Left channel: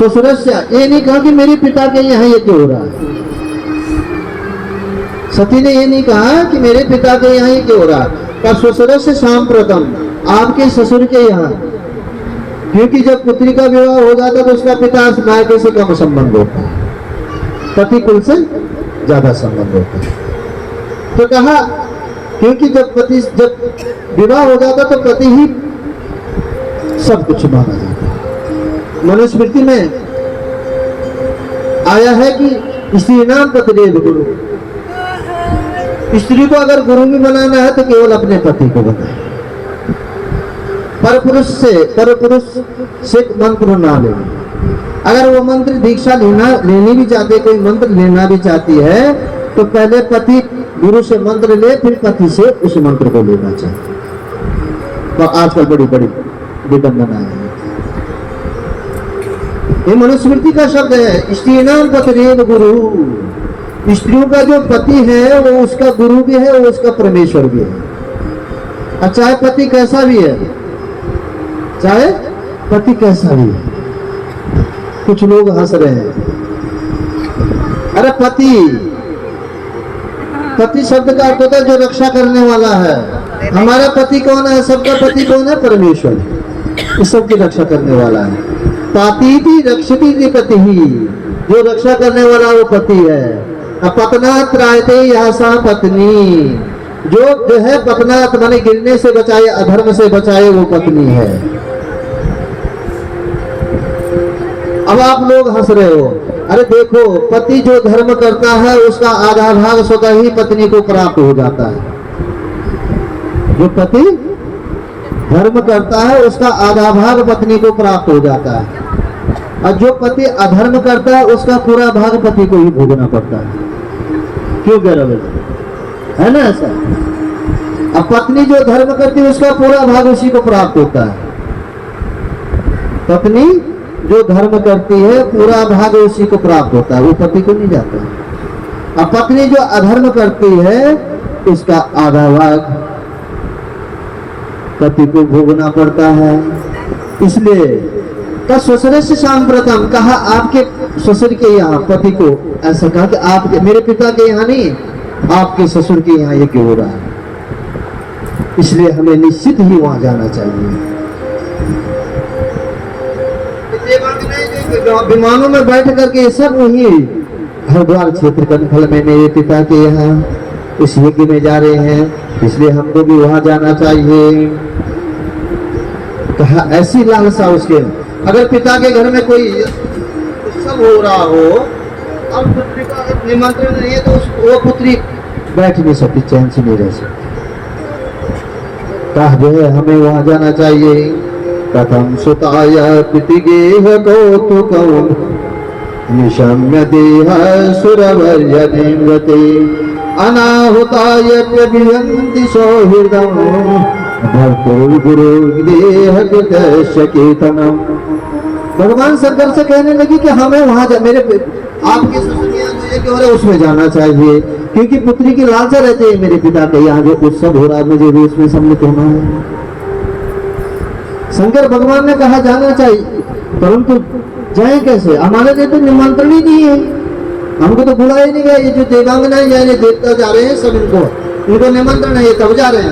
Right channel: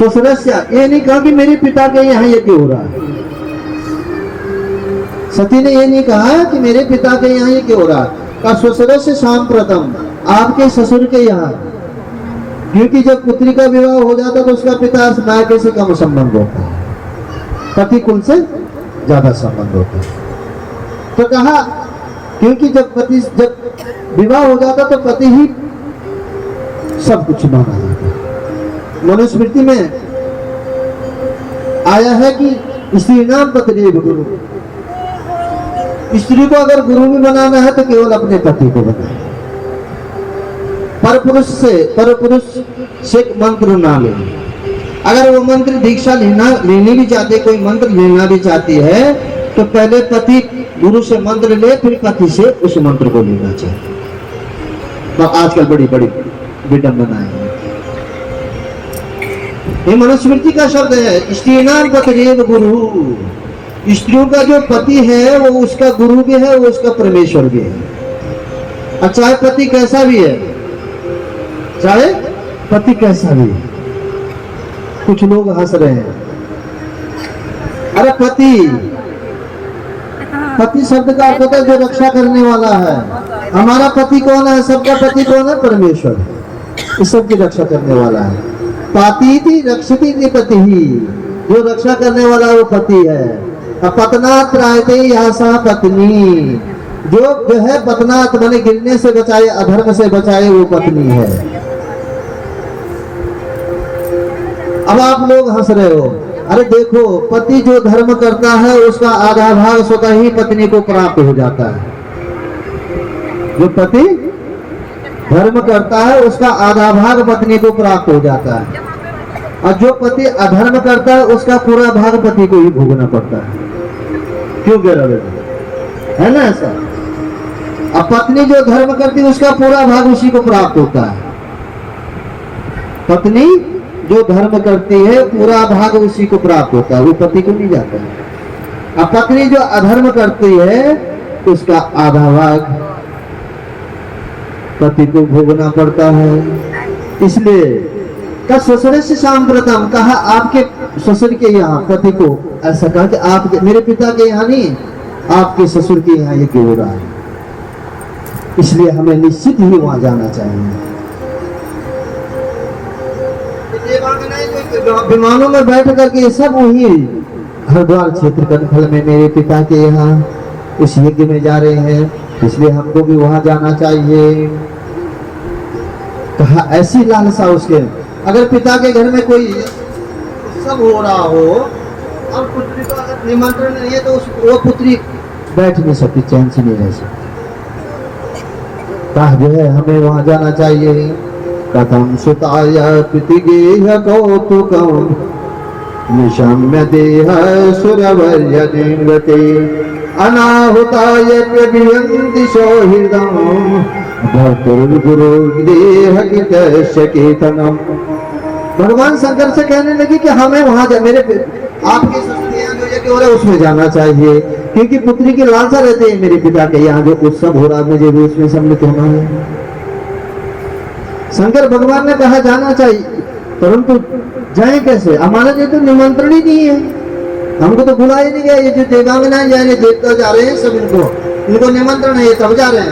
स्वसरस्य, ये नहीं कहा कि मेरे पिता के यहाँ यज्ञ हो रहा है। सती ने ये नहीं कहा कि मेरे पिता के यहाँ यज्ञ हो रहा है, का स्वसरस्य सांप्रतम, आपके ससुर के यहाँ। क्योंकि जब पुत्री का विवाह हो जाता तो उसका पिता मायके से कम संबंध होता है, पति कुल से ज्यादा संबंध होता है। तो कहा क्योंकि जब विवाह हो जाता तो पति ही सब कुछ माना जाता है। मनुस्मृति में आया है कि स्त्री नाम पतिरेव गुरु, स्त्री को अगर गुरु भी बनाना है तो केवल अपने पति को बनाए, परपुरुष से मंत्र ना ले। अगर वो मंत्र दीक्षा लेनी भी चाहते, कोई मंत्र लेना भी चाहती है तो पहले पति गुरु से मंत्र ले, फिर पति से उस मंत्र को लेना चाहिए। तो आजकल बड़ी बड़ी विडंबना है। ये मनुस्मृति का शब्द है, स्त्रीणाम पतिरेव गुरु। स्त्रियों का जो पति है वो उसका गुरु भी है, वो उसका परमेश्वर भी है। चाहे पति कैसा भी है, चाहे पति कैसा भी है। कुछ लोग हंस रहे हैं, अरे पति शब्द का अर्थ होता है जो रक्षा करने वाला है। हमारा पति कौन है? सबका पति कौन है? परमेश्वर। इस सब की रक्षा करने वाला है। पातीति रक्षति पति ही, जो रक्षा करने वाला वो पति है। पतनात् त्रायते यह सा पत्नी, जो है पतनात् माने गिरने से बचाए, अधर्म से बचाए, वो पत्नी है। अब आप लोग हंस रहे हो, अरे देखो पति जो धर्म करता है उसका आधा भाग स्वतः ही पत्नी को प्राप्त हो जाता है। जो पति धर्म करता है उसका आधा भाग पत्नी को प्राप्त हो जाता है, और जो पति अधर्म करता है उसका पूरा भाग पति को ही भोगना पड़ता है। क्यों कह रहे है ना ऐसा? अब पत्नी जो धर्म करती है उसका पूरा भाग उसी को प्राप्त होता है। पत्नी जो धर्म करती है पूरा भाग उसी को प्राप्त होता है, वो पति को नहीं जाता। अब पत्नी जो अधर्म करती है उसका आधा भाग पति को भोगना पड़ता है। इसलिए का ससुरस्य सांप्रतम, कहा आपके ससुर के यहाँ पति को, ऐसा कहा कि आपके, मेरे पिता के यहाँ नहीं, आपके ससुर के यहाँ ये क्यों हो रहा है। इसलिए हमें निश्चित ही वहां जाना चाहिए। विमानों में बैठ करके सब वही हरिद्वार क्षेत्र कनखल में मेरे पिता के यहाँ उस यज्ञ में जा रहे हैं, इसलिए हमको भी वहां जाना चाहिए। कहा ऐसी लालसा उसके, अगर पिता के घर में कोई उत्सव हो रहा हो और पुत्री का अगर निमंत्रण नहीं है तो वो पुत्री बैठ नहीं सकती, चैन से नहीं रह सकती। कहा जो है हमें वहां जाना चाहिए। कथम सुताय पितिगेह कौतुकम निशम्य देह सुरवर्य निमृते अनाहुताय प्रभियन्ति सौहृदम भर्तुर्गुरु देह केतनम। भगवान शंकर से कहने लगी कि हमें वहां मेरे आपके ससुर यहाँ जो यज्ञ हो रहा है उसमें जाना चाहिए, क्योंकि पुत्री की लालसा रहती है मेरे पिता के यहाँ जो उत्सव हो रहा है मुझे भी उसमें सम्मिलित होना है। शंकर भगवान ने कहा जाना चाहिए, परंतु जाए कैसे? हमारे लिए तो निमंत्रण ही नहीं है, हमको तो बुलाया ही नहीं गया। ये जो देवांगनाएं जा रहे देवता जा रहे हैं सब, इनको निमंत्रण है, तब जा रहे हैं।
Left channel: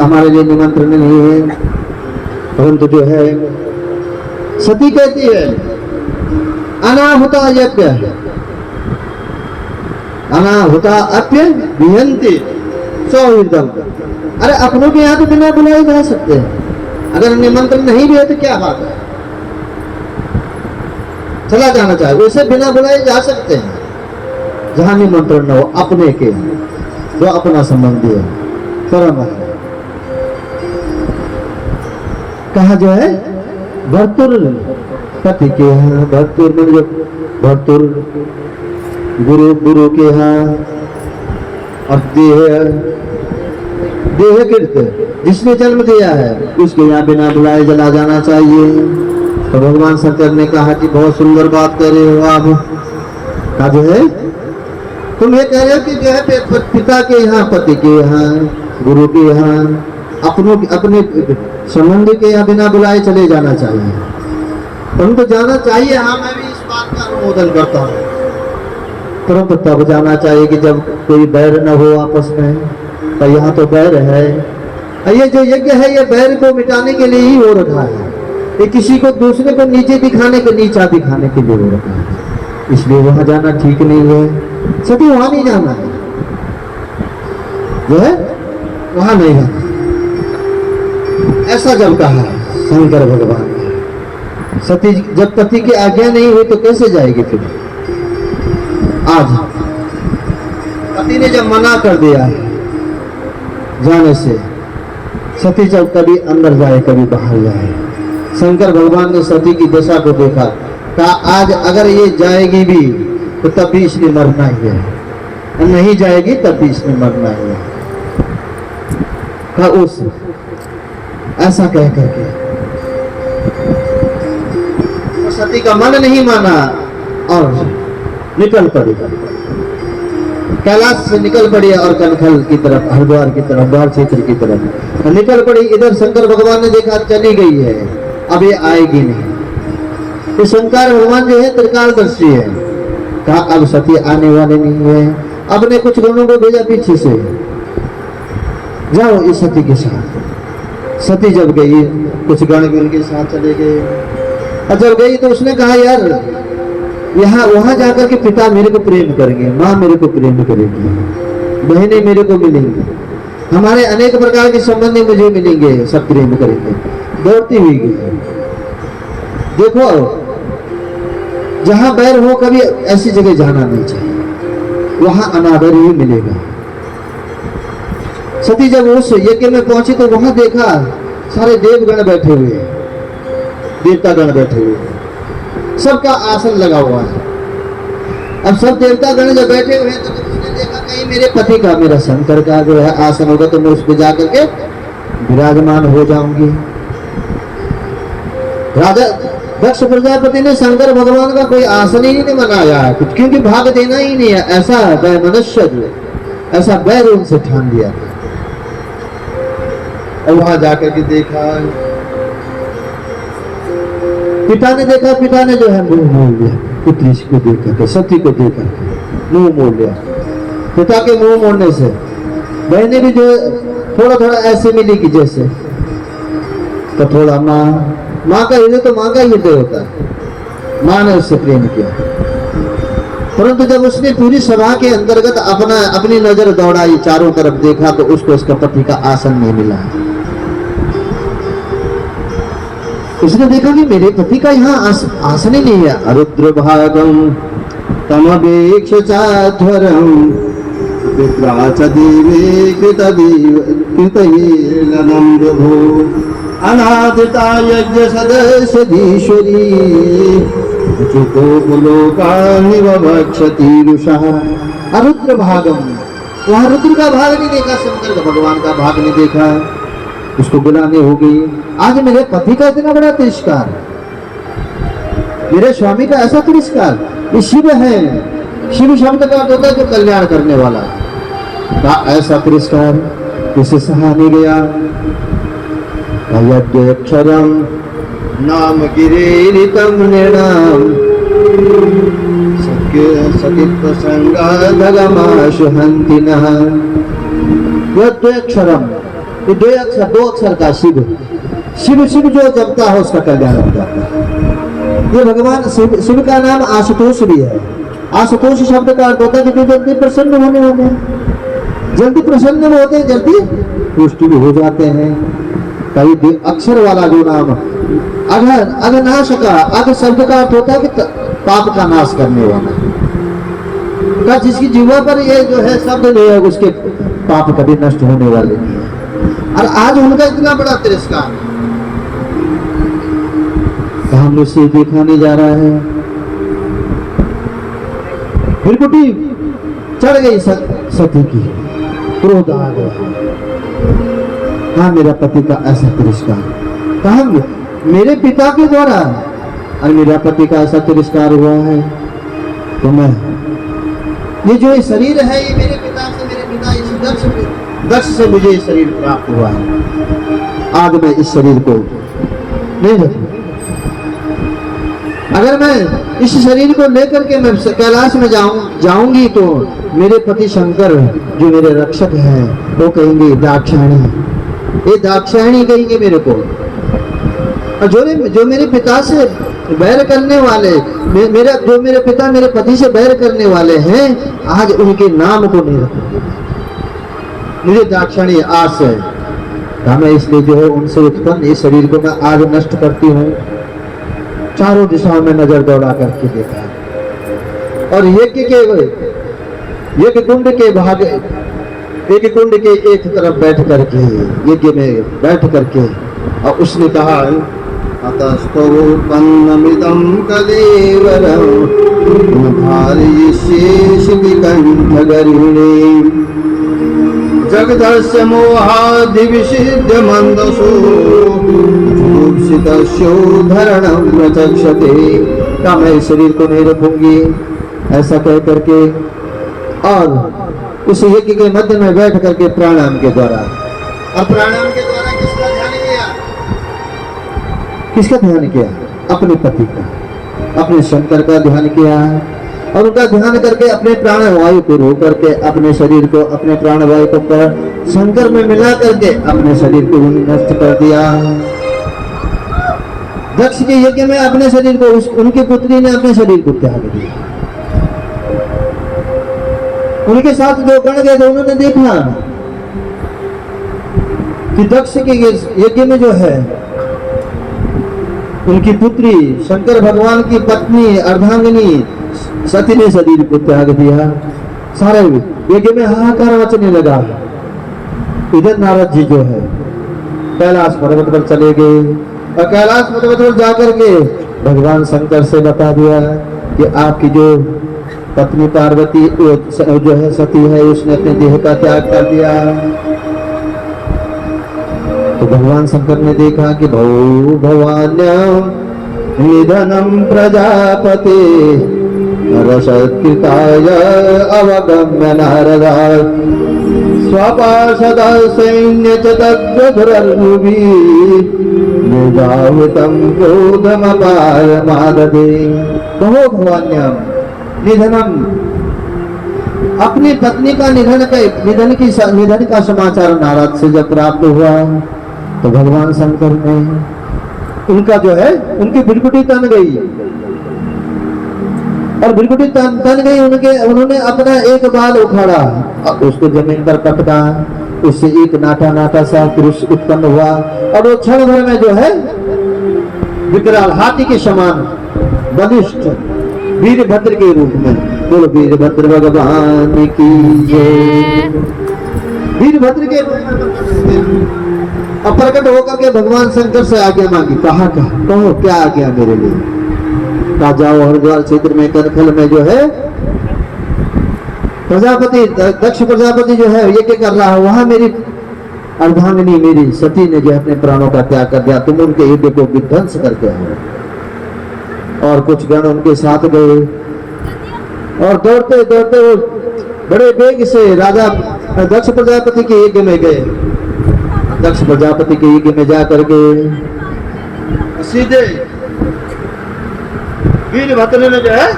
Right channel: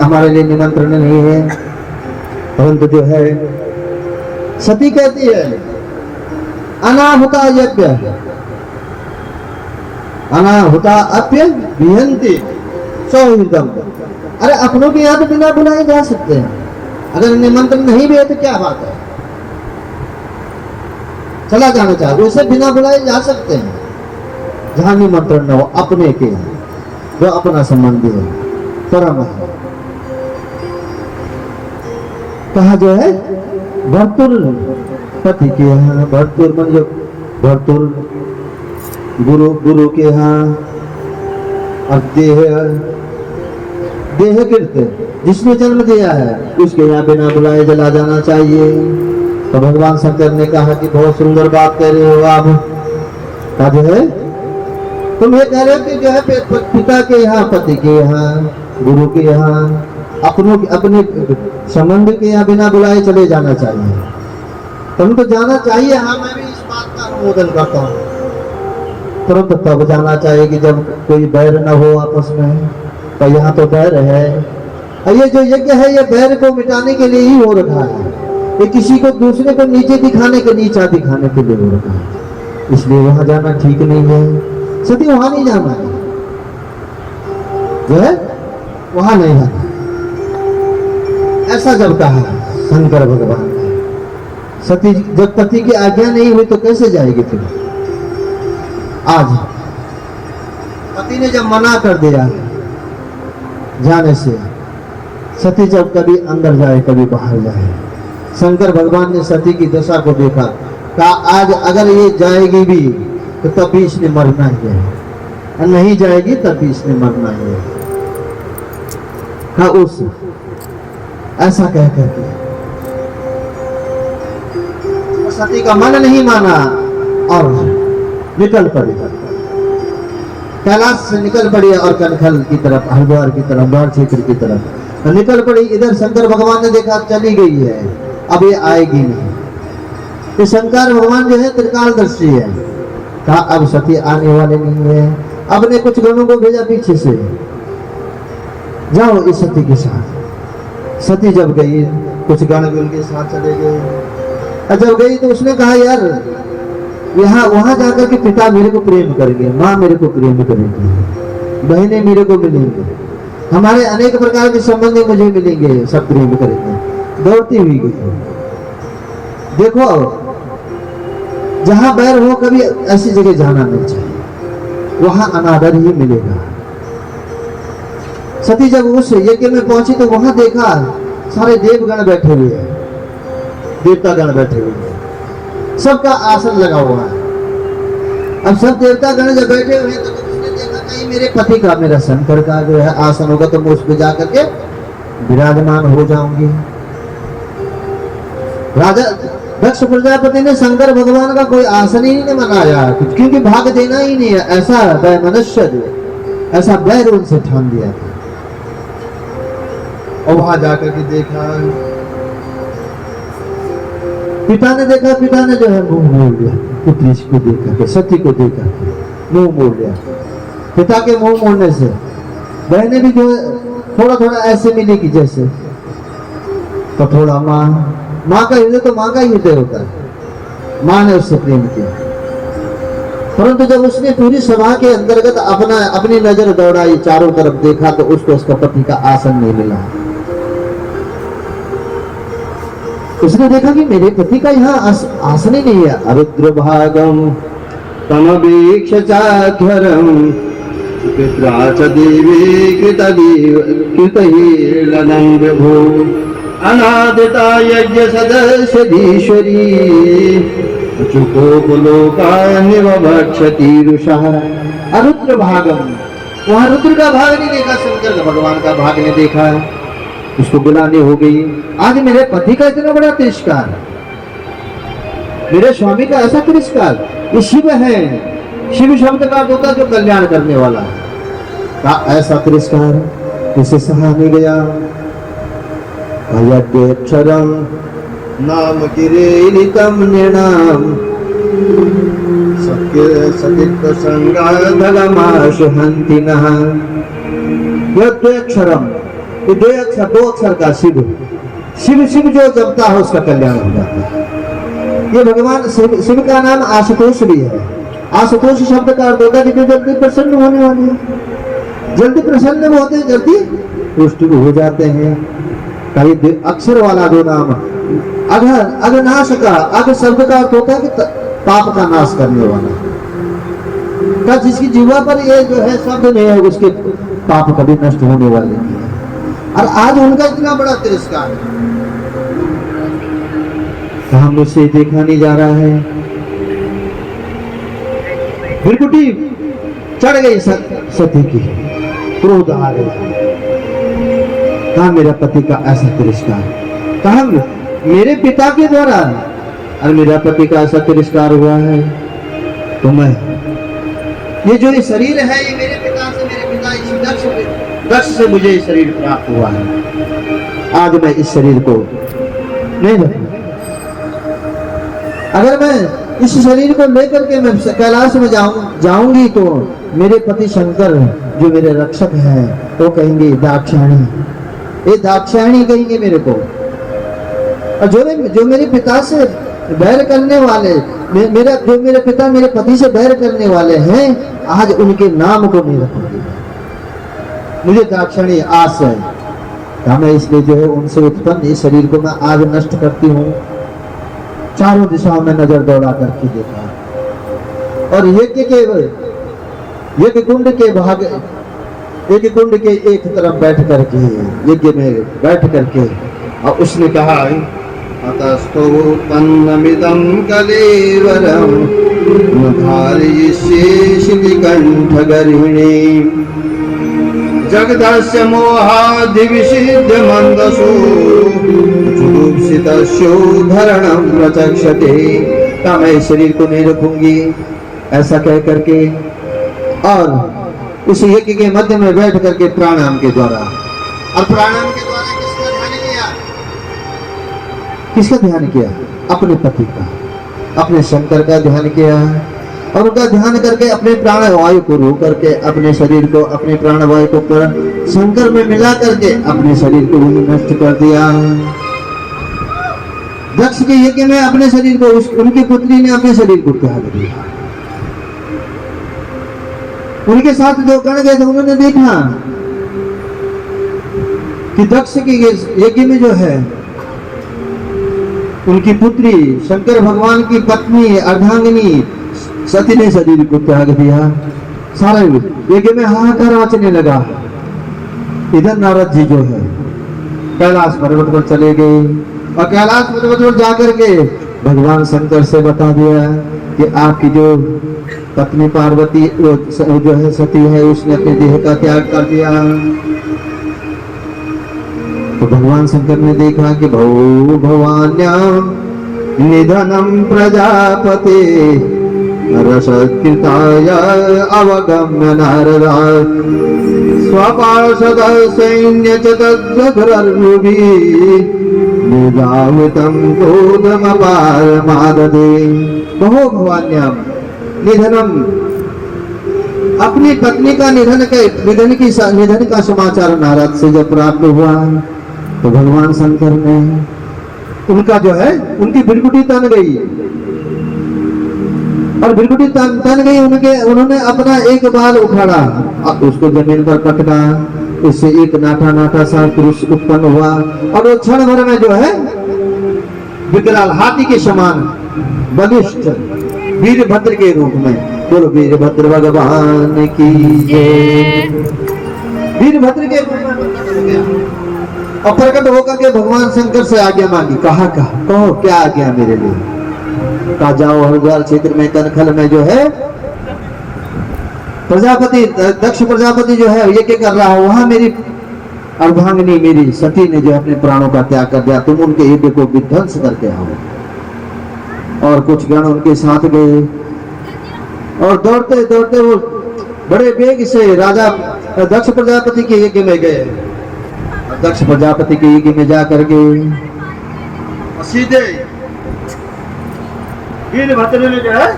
हमारे लिए निमंत्रण नहीं है। परंतु जो है सती कहती है अनाहुता यज्ञ अनाहुता अप्य विहंति सौहृदम। अरे अपनों के यहाँ तो बिना बुलाए जा सकते हैं, अगर निमंत्रण नहीं भी है तो क्या बात है, चला जाना चाहिए। वैसे बिना बुलाए जा सकते हैं जहां निमंत्रण न हो, अपने के जो अपना संबंधी है, परम है। कहा जो है भर्तुर पति के यहाँ, भर्तुर मन जो भर्तुर गुरु के यहाँ, और देह गिरते जिसने जन्म दिया है उसके यहाँ बिना बुलाए चला जाना चाहिए। तो भगवान शंकर ने कहा कि बहुत सुंदर बात कह रहे हो आप। कहा जो है तुम ये कह रहे हो कि जो है पिता के यहाँ, पति के यहाँ, गुरु के यहाँ, अपने संबंधी के यहाँ बिना बुलाए चले जाना चाहिए। परंतु जाना चाहिए, हाँ मैं भी इस बात का अनुमोदन करता हूँ, परंतु तब जाना चाहिए कि जब कोई बैर न हो आपस में। तो यहाँ तो बैर है, ये जो यज्ञ है ये बैर को मिटाने के लिए ही हो रखा है, ये किसी को दूसरे को नीचे दिखाने के, नीचा दिखाने के लिए हो रखा है, इसलिए वहां जाना ठीक नहीं है। सभी वहां नहीं जाना है, जो है वहां नहीं जाना, ऐसा जब कहा शंकर भगवान ने। सती जब पति की आज्ञा नहीं हुई तो कैसे जाएगी फिर? आज पति ने जब मना कर दिया जाने से, सती जब कभी अंदर जाए कभी बाहर जाए, शंकर भगवान ने सती की दशा को देखा, कहा आज अगर ये जाएगी भी तो तब भी इसने मरना ही है, और नहीं जाएगी तब भी इसने मरना ही है। कहा उस ऐसा कह करके तो सती का मन नहीं माना और निकल पड़ी, कैलाश से निकल पड़ी और कनखल की तरफ, हरिद्वार की तरफ, द्वार क्षेत्र की तरफ निकल पड़ी। इधर शंकर भगवान ने देखा चली गई है, अब ये आएगी नहीं। तो शंकर भगवान जो है त्रिकालदर्शी है, कहा अब सती आने वाले नहीं है। अब ने कुछ गणों को भेजा पीछे से, जाओ इस सती के साथ। सती जब गई कुछ गण भी उनके साथ चले गए, और जब गई तो उसने कहा यार यहाँ वहां जाकर के पिता मेरे को प्रेम करेंगे, माँ मेरे को प्रेम करेंगी, बहनें मेरे को मिलेंगी, हमारे अनेक प्रकार के संबंधी मुझे मिलेंगे, सब प्रेम करेंगे। दौड़ती हुई गई। देखो जहां बैर हो कभी ऐसी जगह जाना नहीं चाहिए, वहां अनादर ही मिलेगा। सती जब उस यज्ञ में पहुंची तो वहां देखा सारे देवगण बैठे हुए हैं, देवतागण बैठे हुए हैं, सबका आसन लगा हुआ है। अब सब देवतागण जब बैठे हुए हैं तो उसने देखा कहीं मेरे पति का, मेरा शंकर का जो है आसन होगा तो मैं उस पर जाकर के विराजमान हो जाऊंगी। राजा दक्ष प्रजापति ने शंकर भगवान का कोई आसन ही नहीं बनाया, क्योंकि भाग देना ही नहीं है, ऐसा मनुष्य ऐसा बैर उनसे ठान दिया था। और वहां जाकर के देखा, पिता ने देखा, पिता ने जो है मुंह मोड़ लिया, पुत्री को देख करके, सती को देख करके मुंह मोड़ लिया। पिता के मुंह मोड़ने से बहने भी जो थोड़ा थोड़ा ऐसे मिली कि जैसे, तो थोड़ा माँ का हृदय तो माँ का ही हृदय होता है, माँ ने उससे प्रेम किया। परंतु जब उसने पूरी सभा के अंतर्गत अपनी नजर दौड़ाई, चारों तरफ देखा तो उसको उसका पति का आसन नहीं मिला। उसने देखा कि मेरे पति का यहाँ आसन ही नहीं है। अरुद्र भागम तमवेक्ष चाध्वरम पित्राच देवे कृतहीर्णं विभो अनादिता यज्ञ सदस्य धीश्वरी चुकोपलोकानिव भक्षति रुषः। अरुद्र भागम, वहां रुद्र का भाग नहीं देखा, शंकर भगवान का भाग नहीं देखा, उसको गिलानी हो गई। आज मेरे पति का इतना बड़ा तिरस्कार, मेरे स्वामी का ऐसा तिरस्कार, ये शिव है, शिव शब्द का अर्थ होता है जो कल्याण करने वाला है, का ऐसा तिरस्कार किसे सहा नहीं गया। अयज्ञक्षरम नाम गिरेरितम निर्णाम सकित्व संगाधलमाशुहन्ति नः। यज्ञक्षरम, ये दो अक्षर का शिव, शिव शिव जो जपता है उसका कल्याण हो जाता है। ये भगवान शिव का नाम आशुतोष भी है। आशुतोष शब्द का अर्थ होता है कि जो जल्दी प्रसन्न होने वाले हैं, जल्दी प्रसन्न भी होते हैं, जल्दी पुष्ट भी हो जाते हैं। कई अक्षर वाला जो नाम अघनाश का, अघ शब्द का अर्थ होता है कि पाप का नाश करने वाला, जिसकी जीवा पर ये जो है शब्द नहीं है उसके पाप कभी नष्ट होने वाले नहीं है। और आज उनका इतना बड़ा तिरस्कार है, हमने से देखा नहीं जा रहा है। बिरकुटी चढ़ गई सती की, क्रोध आ गया, कहा मेरा पति का ऐसा तिरस्कार, कहा मेरे पिता के द्वारा और मेरा पति का ऐसा तिरस्कार हुआ है, तो मैं ये जो ये शरीर है ये मेरे पिता से, मेरे पिता इस दक्ष से मुझे ये शरीर प्राप्त हुआ है, आज मैं इस शरीर को नहीं रखूंगा। अगर मैं इस शरीर को लेकर के मैं कैलाश में जाऊंगी तो मेरे पति शंकर जो मेरे रक्षक हैं वो कहेंगे दाक्षायणी, ये दाक्षायणी कहेंगे मेरे को। और जो मेरे पिता से बैर करने वाले, जो मेरे पिता मेरे पति से बैर करने वाले हैं, आज उनके नाम को नहीं रखेंगे। मुझे दाक्षायणी आस है, मैं इसलिए जो है उनसे उत्पन्न इस शरीर को मैं आज नष्ट करती हूँ। चारों दिशाओं में नजर दौड़ा करके देखा और यज्ञ कुंड के भाग, यज्ञ कुंड के एक तरफ बैठ करके, यज्ञ में बैठ करके, और उसने कहा अतस्तोत्पन्नमिदं कलेवरं धारयिष्ये कंठगर्हिणी जगदस्य मोहादिविषिद्य मंदसो जुगुप्सितस्योद्धरणं प्रचक्षते। का मैं शरीर को नहीं रखूंगी, ऐसा कह करके और उस यज्ञ के मध्य में बैठ करके प्राणायाम के द्वारा, और प्राणायाम के द्वारा किसका ध्यान किया? किसका ध्यान किया? अपने पति का, अपने शंकर का ध्यान किया। और उनका ध्यान करके अपने प्राणवायु को रो करके अपने शरीर को, अपने प्राणवायु को पर शंकर में मिला करके अपने शरीर को नष्ट कर दिया। दक्ष के यज्ञ में अपने शरीर को, उनकी पुत्री ने अपने शरीर को त्याग दिया। उनके साथ जो गण गए थे उन्होंने देखा कि दक्ष के यज्ञ में जो है उनकी पुत्री शंकर भगवान की पत्नी अर्धांगिनी सती ने शरीर को त्याग दिया। सारे यज्ञ में हाहाकार मचने लगा। इधर नारद जी जो है कैलाश पर्वत पर चले गए और कैलाश पर्वत पर जाकर के भगवान शंकर से बता दिया कि आपकी जो पत्नी पार्वती जो है सती है, उसने अपने देह का त्याग कर दिया। तो भगवान शंकर ने देखा कि भौ भवान्याम निधनम प्रजापते रसत्कृताय अवगम्य नारदा स्वपार्षद सैन्य च तद्रधुरर्भुवि निजावृतं क्रोधमपारमाददे। कहो भवान्यम निधनम, अपनी पत्नी का निधन का समाचार नारद से जब प्राप्त हुआ तो भगवान शंकर ने उनका जो है उनकी बिरकुटी तन गई और बिरकुटी तन गई। उन्होंने अपना एक बाल उखाड़ा और उसको जमीन पर पटका, उससे एक नाटा नाटा सा पुरुष उत्पन्न हुआ और वो क्षण भर में जो है विकराल हाथी के समान बलिष्ठ वीरभद्र के रूप में, बोलो वीरभद्र भगवान की जय। वीरभद्र के रूप में और प्रकट होकर के भगवान शंकर से आज्ञा मांगी। कहो क्या आज्ञा मेरे लिए? कहा जाओ हरिद्वार क्षेत्र में कनखल में जो है प्रजापति दक्ष प्रजापति जो है यज्ञ कर रहा है, वहां मेरी अर्धांगिनी मेरी सती ने जो अपने प्राणों का त्याग कर दिया, तुम उनके यज्ञ को विध्वंस करके आओ। और कुछ गण उनके साथ गए और दौड़ते दौड़ते वो बड़े वेग से राजा दक्ष प्रजापति के यज्ञ में गए। दक्ष प्रजापति के यज्ञ में जाकर के सीधे वीरभद्र ने जो है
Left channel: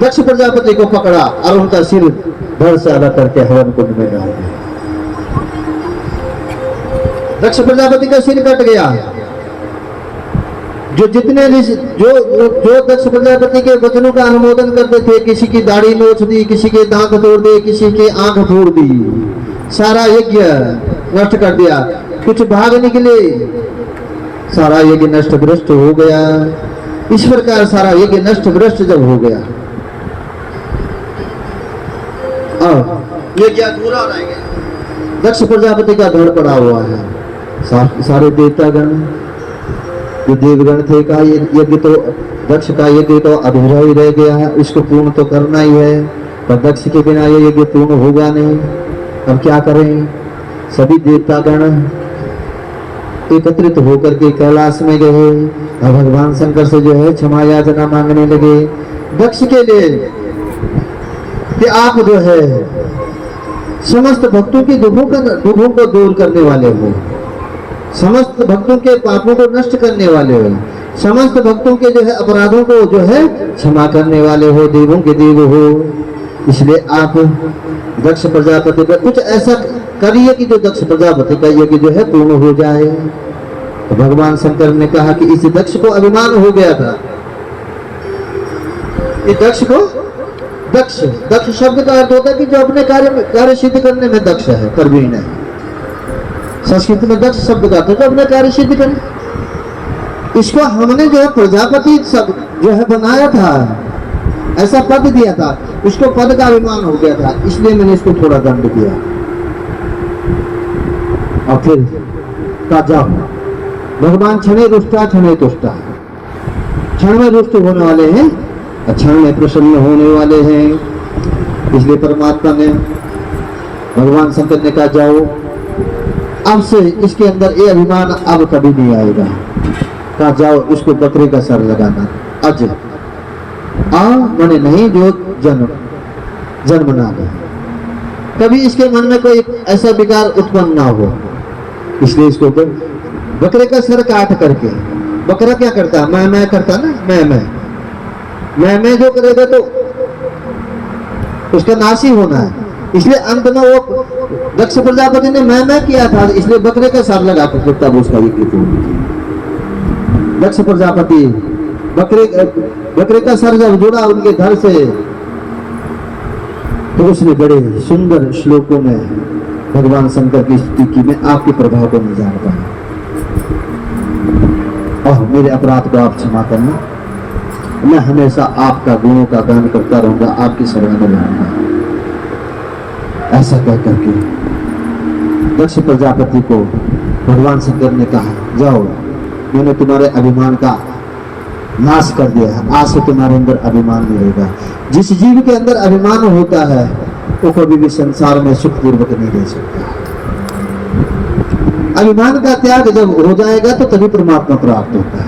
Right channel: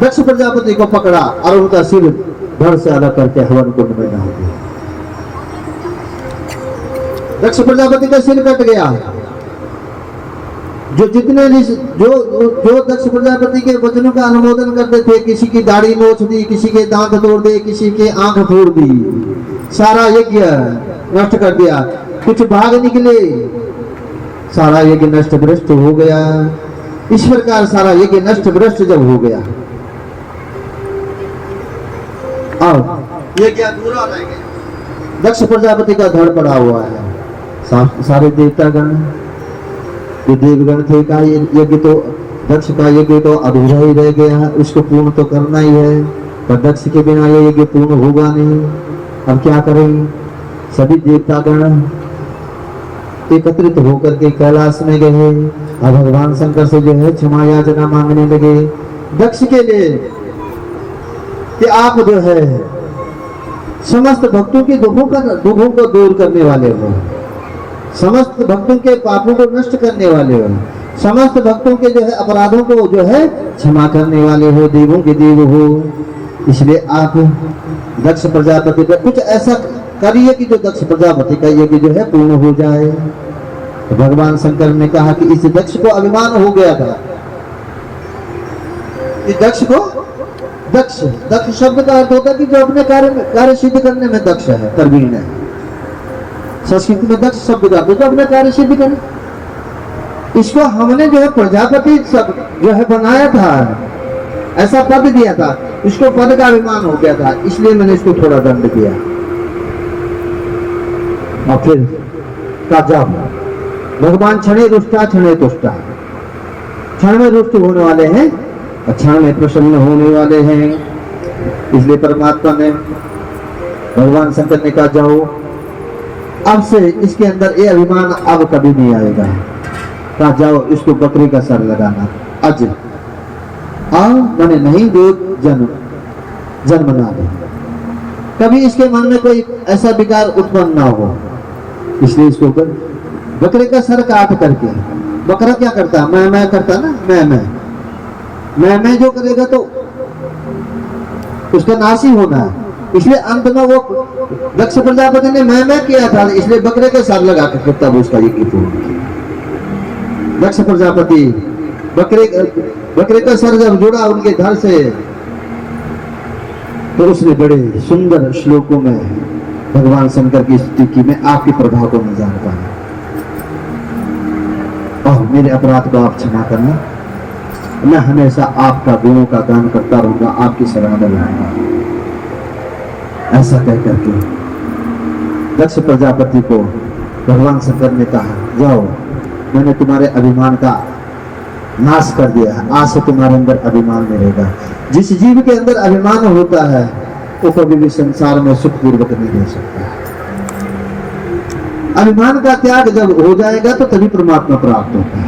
दक्ष प्रजापति को पकड़ा और उनका सिर धड़ से अलग करके हवन कुंड में डाल दिया। दक्ष प्रजापति का सिर कट गया। जो दक्ष प्रजापति के वचनों का अनुमोदन करते थे, किसी की दाढ़ी नोच दी, किसी के दांत तोड़ दिए, किसी के आंख फोड़ दी, सारा यज्ञ नष्ट कर दिया। कुछ भाग निकले, सारा यज्ञ नष्ट भ्रष्ट हो गया। इस प्रकार सारा यज्ञ नष्ट भ्रष्ट जब हो गया और यज्ञ अधूरा रह गया, दक्ष प्रजापति का धड़ पड़ा हुआ है। सारे देवतागण जो देवगण थे का यज्ञ तो दक्ष का यज्ञ तो अधूरा ही रह गया है, उसको पूर्ण तो करना ही है, पर दक्ष के बिना ये यज्ञ पूर्ण होगा नहीं। अब क्या करें? सभी देवतागण एकत्रित होकर के कैलाश में गए और भगवान शंकर से जो है क्षमा याचना मांगने लगे दक्ष के लिए कि आप जो है समस्त भक्तों के दुखों को दूर करने वाले हो, समस्त भक्तों के पापों को नष्ट करने वाले हो, समस्त भक्तों के जो है अपराधों को जो है क्षमा करने वाले हो, देवों के देव हो। इसलिए आप दक्ष प्रजापति पर कुछ ऐसा करिए कि जो दक्ष प्रजापति का यज्ञ जो है पूर्ण हो जाए। तो भगवान शंकर ने कहा कि इस दक्ष को अभिमान हो गया था। इस दक्ष को दक्ष दक्ष शब्द का अर्थ होता है कि जो अपने कार्य सिद्ध करने में दक्ष है, प्रवीण है। संस्कृत में दक्ष शब्द का अर्थ जो अपने कार्य सिद्ध करे। इसको हमने जो है प्रजापति सब जो है बनाया था, ऐसा पद दिया था, उसको पद का अभिमान हो गया था, इसलिए मैंने इसको थोड़ा दंड दिया। और फिर का जाओ भगवान क्षणे रुष्टा क्षणे तुष्टा, क्षण में रुष्ट होने वाले हैं, क्षण में प्रसन्न होने वाले हैं। इसलिए परमात्मा ने भगवान शंकर ने कहा जाओ अब से इसके अंदर ये अभिमान अब कभी नहीं आएगा। कहा जाओ इसको बकरे का सर लगाना, अज मैंने नहीं जो जन्म ना ले, कभी इसके मन में कोई ऐसा विकार उत्पन्न ना हो। इसलिए इसको बकरे का सर काट करके, बकरा क्या करता है, मैं करता ना, मैं जो करेगा तो उसका नाश ही होना है। इसलिए अंत में वो दक्ष प्रजापति ने मैं किया था, इसलिए बकरे का सर लगा के तब उसका ये दक्ष प्रजापति बकरे का सर जब जुड़ा उनके घर से, तो उसने बड़े सुंदर श्लोकों में भगवान शंकर की स्तुति की। मैं आपके प्रभाव को नहीं जान पाया, और मेरे अपराध को आप क्षमा करना, मैं हमेशा आपका गुणों का गान करता रहूंगा, आपकी शरण में रहूंगा। ऐसा कह करके दक्ष प्रजापति को भगवान शंकर ने कहा जाओ मैंने तुम्हारे अभिमान का नाश कर दिया है, आज से तुम्हारे अंदर अभिमान नहीं रहेगा। जिस जीव के अंदर अभिमान होता है वो कभी भी संसार में सुखपूर्वक नहीं रह सकता। अभिमान का त्याग जब हो जाएगा तो तभी परमात्मा प्राप्त होता है।